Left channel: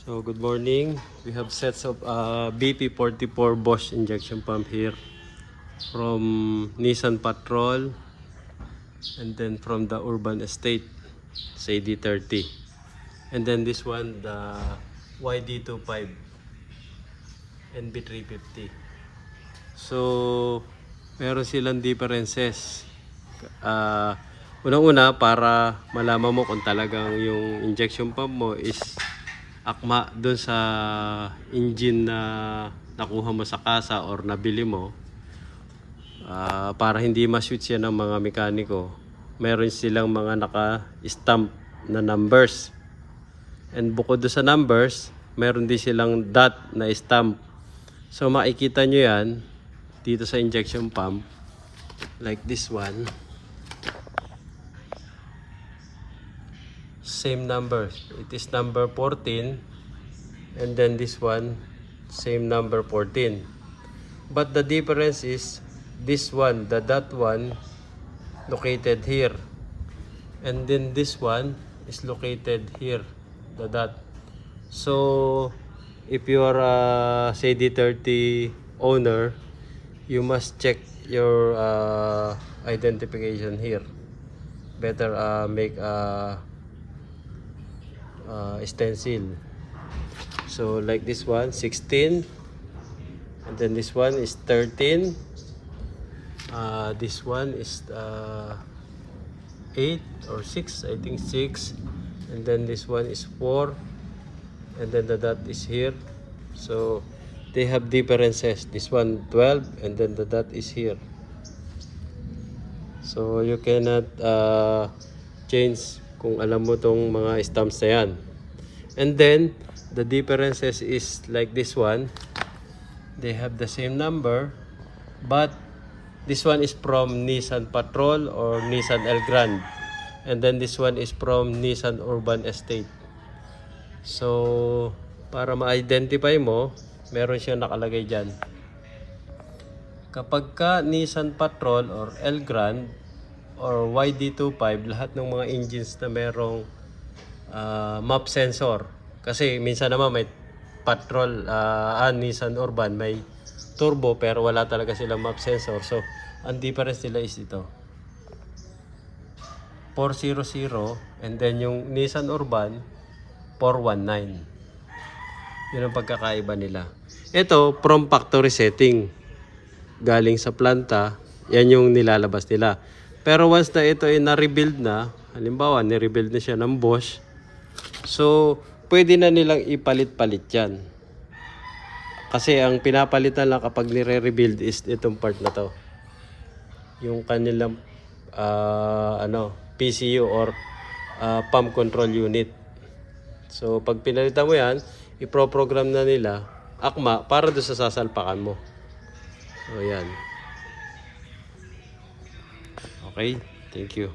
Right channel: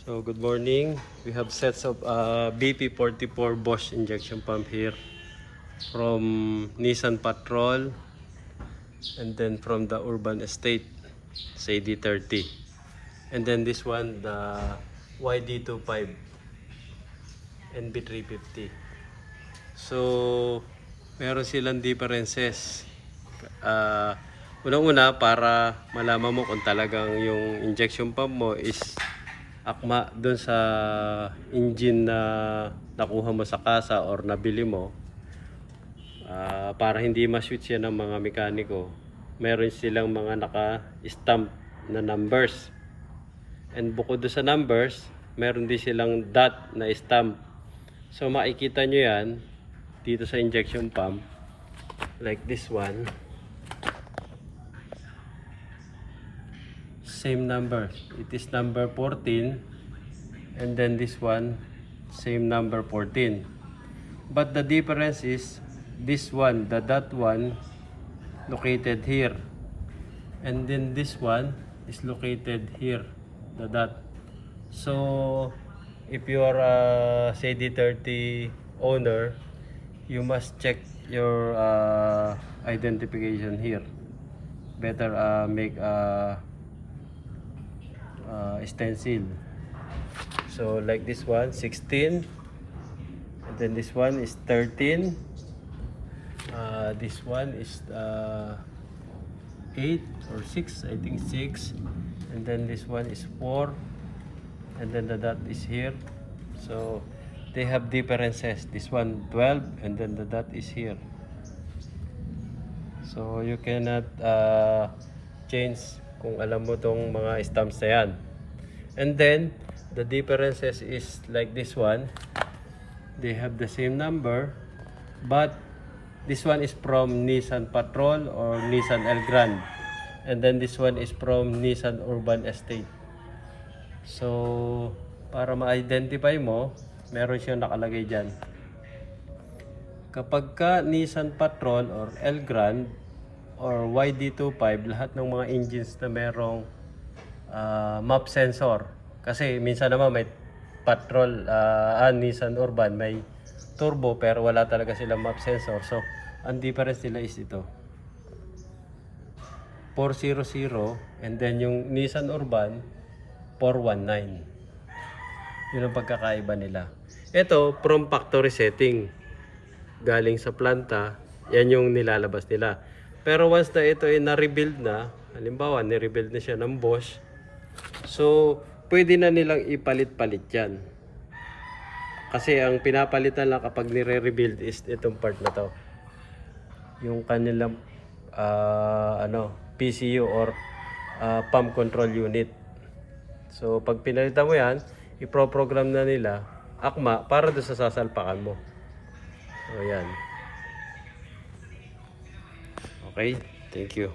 So good morning. We have sets of BP44 Bosch injection pump here from Nissan Patrol and then from the Urban Estate CD30, and then this one the YD25 NB350. So meron silang differences. Unang-una, para malaman mo kung talagang yung injection pump mo is akma dun sa engine na nakuha mo sa kasa or nabili mo, para hindi ma-switch yan ng mga mekaniko, meron silang mga naka-stamp na numbers, and bukod doon sa numbers, meron din silang dot na stamp. So makikita nyo yan dito sa injection pump, like this one, same number, it is number 14, and then this one same number 14, but the difference is this one, the dot one, located here, and then this one is located here, the dot. So if you are a CD30 owner, you must check your identification here. Better make a stencil. So like this one 16, and then this one is 13, this one is 8 or 6, I think 6, and then this one is 4, and then the dot is here. So they have differences. This one 12, and then the dot is here. So you cannot change kung alam mo tong mga stamps na yan. And then the differences is like this one, they have the same number, but this one is from Nissan Patrol or Nissan Elgrand, and then this one is from Nissan Urban Estate. So para ma-identify mo, meron siya nakalagay dyan. Kapag ka Nissan Patrol or Elgrand or YD25, lahat ng mga engines na merong map sensor, kasi minsan naman may Patrol, Nissan Urban may turbo pero wala talaga silang map sensor. So ang difference nila is ito 400, and then yung Nissan Urban 419. Yun ang pagkakaiba nila. Ito from factory setting, galing sa planta, yan yung nilalabas nila. Pero once na ito ay na-rebuild na, halimbawa ni-rebuild na siya ng Bosch, so pwede na nilang ipalit-palit yan. Kasi ang pinapalitan lang kapag nire-rebuild is itong part na to, yung kanilang PCU or pump control unit. So pag pinalitan mo yan, iproprogram na nila akma para doon sa sasalpakan mo. So yan. Okay, thank you.